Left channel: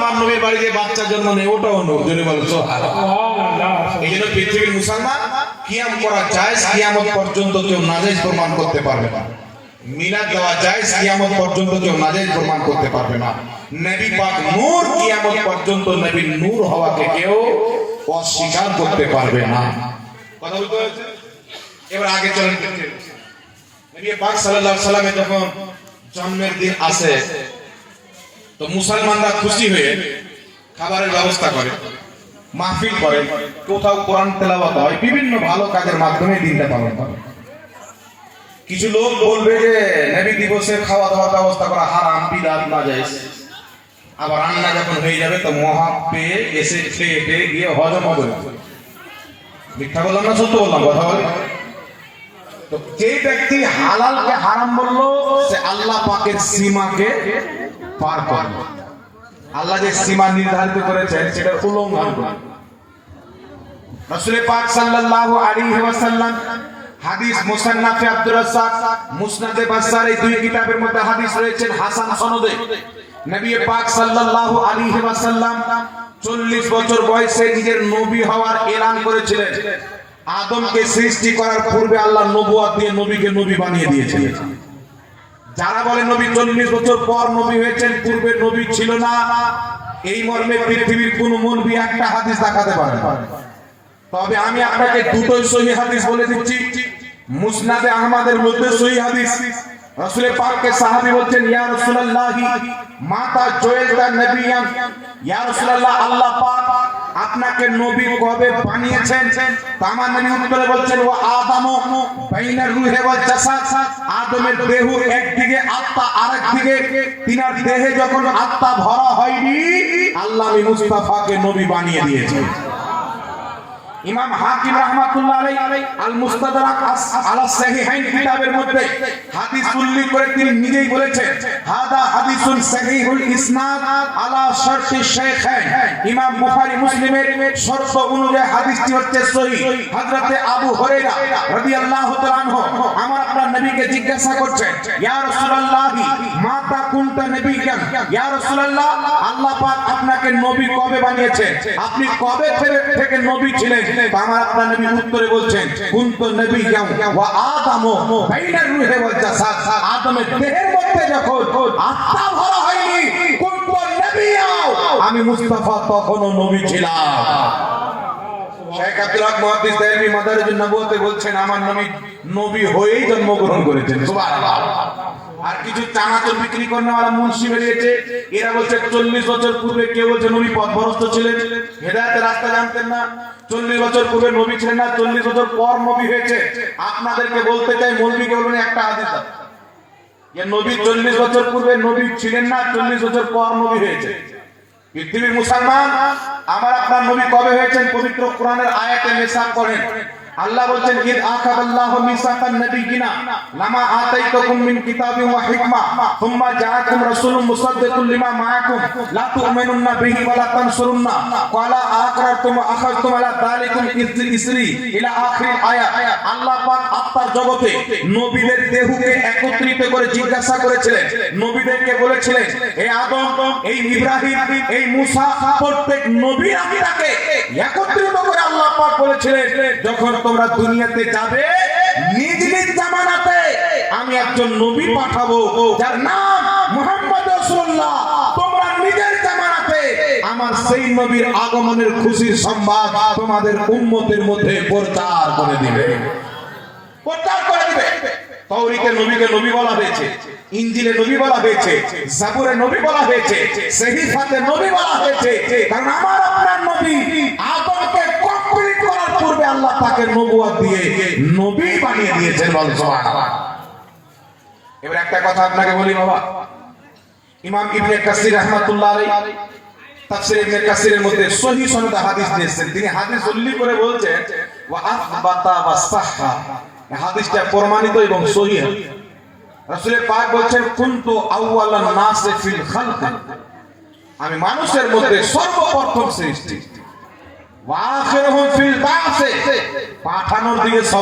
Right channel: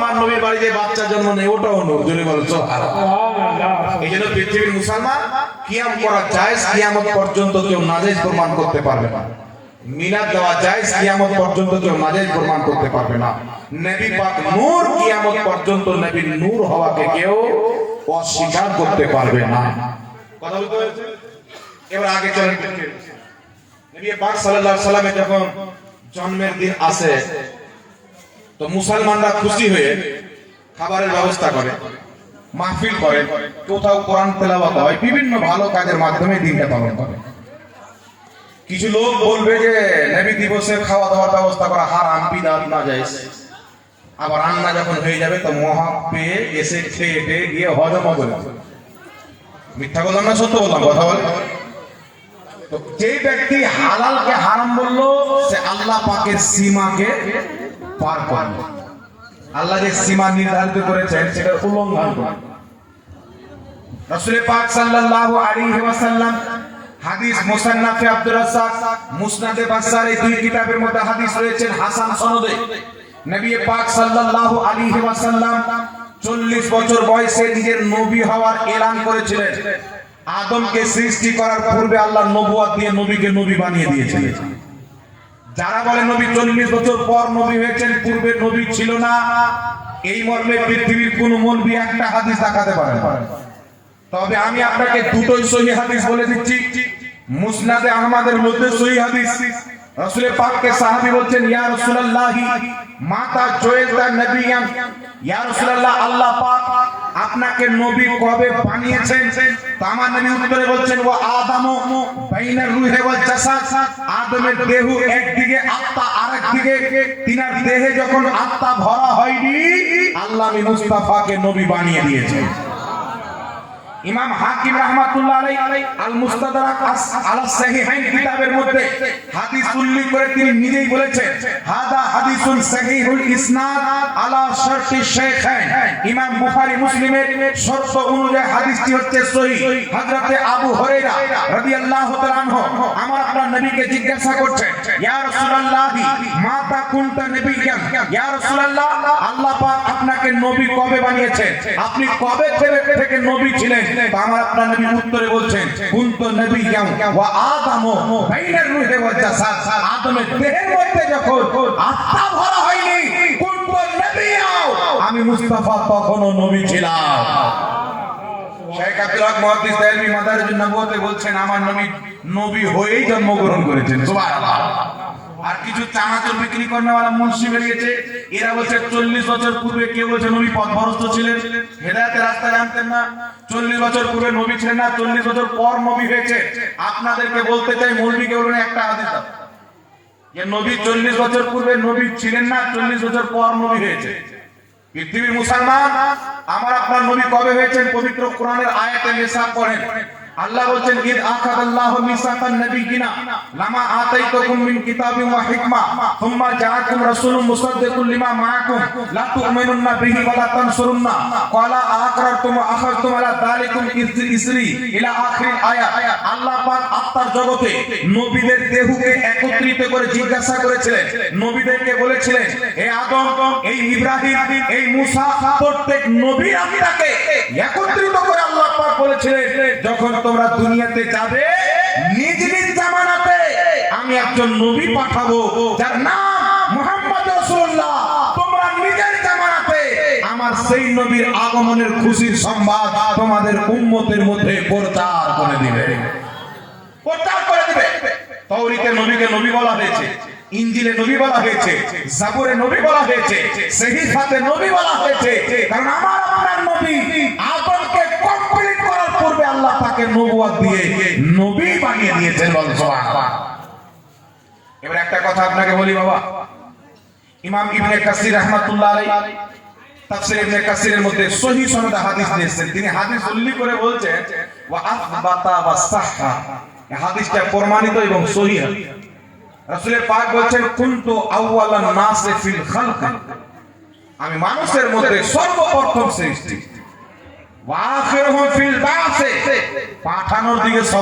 আমার নবীর বাড়িতে বাচ্চা জন্ম নেই, ওটাও নূর। যদি বলো সুবহানাল্লাহ। এই জন্য পৃথিবীর মুসলমান কিয়াম করা জায়েজ, কিয়ামত পর্যন্ত কেউ নাজায়েজ প্রমাণ করতে পারবে না। মিলাদ দেওয়া জায়েজ, কিয়ামত পর্যন্ত কেউ নাজায়েজ প্রমাণ করতে পারবে না। নবী পাক নূর, কিয়ামত পর্যন্ত নবীর নূর হওয়াকে কেউ অস্বীকার করতে পারবে না। কথা বলতে হয়েছে। এবার আগে চলেন। নবী পাক সাল্লাল্লাহু আলাইহি সাল্লামের যখন জন্মের দিন আসে তো মুসলমানরা খুশি হয়ে খাবারের ব্যবস্থা করে, মাহফিল করে, কোথাও কোরআন তেলাওয়াত হয়, বিভিন্ন ভালো কাজের মাধ্যমে দিনটা পালন করে। কিছু লোক বলবে যে নবী দিবসে খাওয়া দাওয়ার ব্যবস্থা করা হারাম, বিদআত, নাজায়েজ। আবার রান্না যখন হয়ে যাবে তো মহা পেয়ে এসে খেয়ে গিয়ে হজম করে। মিথ্যা বললাম না সত্য বললাম? কথা বলে। তো যে ব্যক্তি হালালকে হারাম বললো সে আল্লাহ পাকের সীমাকে পার করলো। আল্লাহ যে সীমা নির্ধারিত করেছেন সেটা উল্লঙ্ঘন করলো। রাসূল পাক সাল্লাল্লাহু আলাইহি ওয়াসাল্লাম হাদিস মুসান্নাফে আব্দুর রাজ্জাক, মুসনাদে বাজ্জার, এই দুই কিতাবের মধ্যে হাদিস রয়েছে হাসান সনদে। নবী পাক সাল্লাল্লাহু আলাইহি ওয়াসাল্লাম 40 বছর বয়সে নিজের নবী হওয়ার এলান করেছিলেন। আদমকে সৃষ্টি করার পূর্বে আল্লাহ নবুয়ত দিয়ে নবীকে নবী বানিয়ে দিয়েছিলেন। যারা বলে নবী 40 বছর পর নবী হয়েছেন, পূর্বে নবী ছিল না, এই মর্মে পৃথিবীর কোন মৌলবি একটা হাদিস দেখাতে পারে না। তবে আমি আপনাকে দুটোই সহিহ হাদিস বলে দিচ্ছি। মুসনাদে আহমদের মধ্যে সহিহ হাদিস, রাসূল পাককে সাহাবী বলছেন, ইয়া রাসূলুল্লাহ মাতা জুইলতা নবিয়ান, ইয়া রাসূলুল্লাহ আল্লাহ পাক আপনাকে নবী কবে বানিয়েছেন? আমার নবী উত্তরে বলছেন, ওয়া আদামু বাইনার রূহি ওয়াল জাসাদ, আদমের দেহ একদিকে আত্মা আরেকদিকে, তিনার দেহে যখন আত্মা ভরা হয়নি আল্লাহ আমি মুস্তাফাকে নবী বানিয়ে দিয়েছেন। ইমাম হাকিম রাহমাতুল্লাহ আলাইহি আল মুস্তাদরাক আলা সাহিহাইন কিতাবের মধ্যে হাদিস উল্লেখ করে তিনি নিজেই বলেছেন, হাদা হাদিসুন সহিহুল ইসনাদ আলা শারতি শাইখাইন। ইমাম বুখারী মুসলিমের শর্ত অনুযায়ী হাদিসটি হচ্ছে সহিহ। হযরতে আবু হুরায়রা রাদিয়াল্লাহু তাআলা আনহু আমার আপনার নবীকে জিজ্ঞাসা করছেন, ইয়া রাসূলুল্লাহ মাতা কুনতা নবিয়ান, ইয়া রাসূলুল্লাহ আল্লাহ পাক আপনাকে নবী কবে বানিয়েছেন? আপনি কবে থেকে নবী ছিলেন? আমার আপনার নবী উত্তরে বলছেন, কুনতু নবিয়্যান ওয়া আদামু বাইনার রূহি ওয়াল জাসাদ, আদমের দেহের মধ্যে যখন আত্মা ভরা হয়নি কুনতু নবিয়্যান, আমি মুস্তাফা তখনও নবী ছিলাম। শেখ আব্দুল হক মুহাদ্দিস দেলভি মাদারিজুন নবুওয়াতে বলছেন, আমার নবী নবী হয়েই জন্মগ্রহণ করেছেন। সুবহানাল্লাহ। আর কিছু চানাচুর বিক্রি করেওয়ালা মুন্সি বেরিয়েছে, এরা বলছে 40 বছর পূর্বে কেউ বলছে নবী পথভ্রষ্ট ছিলেন, হেদায়েতের রাস্তা জানতেন না। 40 বছর পূর্বে নবী ছিলেন না, 40 বছর পর নবী হয়েছে। আপনাদেরকে বলতে চাই, মৌলবীকে বলুন একটা হাদিস দাও যে নবী 40 বছর পূর্বে নবী ছিলেন না, 40 বছর পর নবী হয়েছে। পৃথিবীর মুসলমান আমার আপনার নবী কবে হয়েছেন? পবিত্র কোরআনের আয়াতে মিসাক করেন। আল্লাহ বলছেন, ইদ আখাদাল্লাহু মিসাকান নাবিয়িনা লামা আতাইতুকুম মিন কিতাবিন ওয়া হিকমা সুম্মা জাআকুম রাসূলুম মুসাদ্দিকুল লিমা মাআকুম লা তু'মিনুন্না বিহি ওয়া লা তানসুরুন্না ক্বালা আকরারতুম ওয়া আখাযতুম আলা যালিকুম ইসরি ইলা আখির আয়াত। আল্লাহ পাক আত্মার জগতে নবীদের দেহকে একত্রিত করে জিজ্ঞাসা করেছিলেন, নবীদেরকে বলেছিলেন, হে আদম, এই ইব্রাহিম, এই মুসা, প্রত্যেক নবীর আত্মাকে একত্রিত করে আল্লাহ পাক বলেছিলেন, যখন তোমরা দুনিয়াতে যাবে নিজ নিজ জামানাতে আমি একজন নবী পাঠাবো যার নাম মুহাম্মদ রাসূলুল্লাহ। তোমরা নিজের জামানাতে আমার সেই নবীর আগমনের খুশির সংবাদ তোমাদের উম্মতের মধ্যে প্রচার করে দিবে, প্রচার করে দিবে। তাওরীতে নবীকে নবী বলা হয়েছে, ইনজিলে নবী বলা হয়েছে, জাবুরে নবী বলা হয়েছে, সহিফাতে নবী বলা হয়েছে। কারণ আমার আপনার নবী আদমকে কমপ্লিট করার পূর্বে আল্লাহ পাকের নবুয়ত দিয়ে নবী বানিয়ে দিয়েছেন। বল সুবহানাল্লাহ। এবার একটা কথা আপনাকে বলি বাবা, ইমাম ইবনে কাসির রাহমাতুল্লাহ আলাইহি তাফসীর ইবনে কাসিরের মধ্যে সহিহ সনদে হাদিস দিয়েছেন। তিনি হাদিস উল্লেখ করে বলছেন, ওয়া আথবাতা ওয়া সাহহা, এই হাদিসটা প্রমাণিত এবং সহিহ। রাসূল পাক বলেন, কুনতু আউওয়ালান নাস ফিল খালক, আমি মানুষের মধ্যে সর্বপ্রথম সৃষ্টি, ওয়া আখিরুহুম ফিল বা'স, পাঠানোর দিকে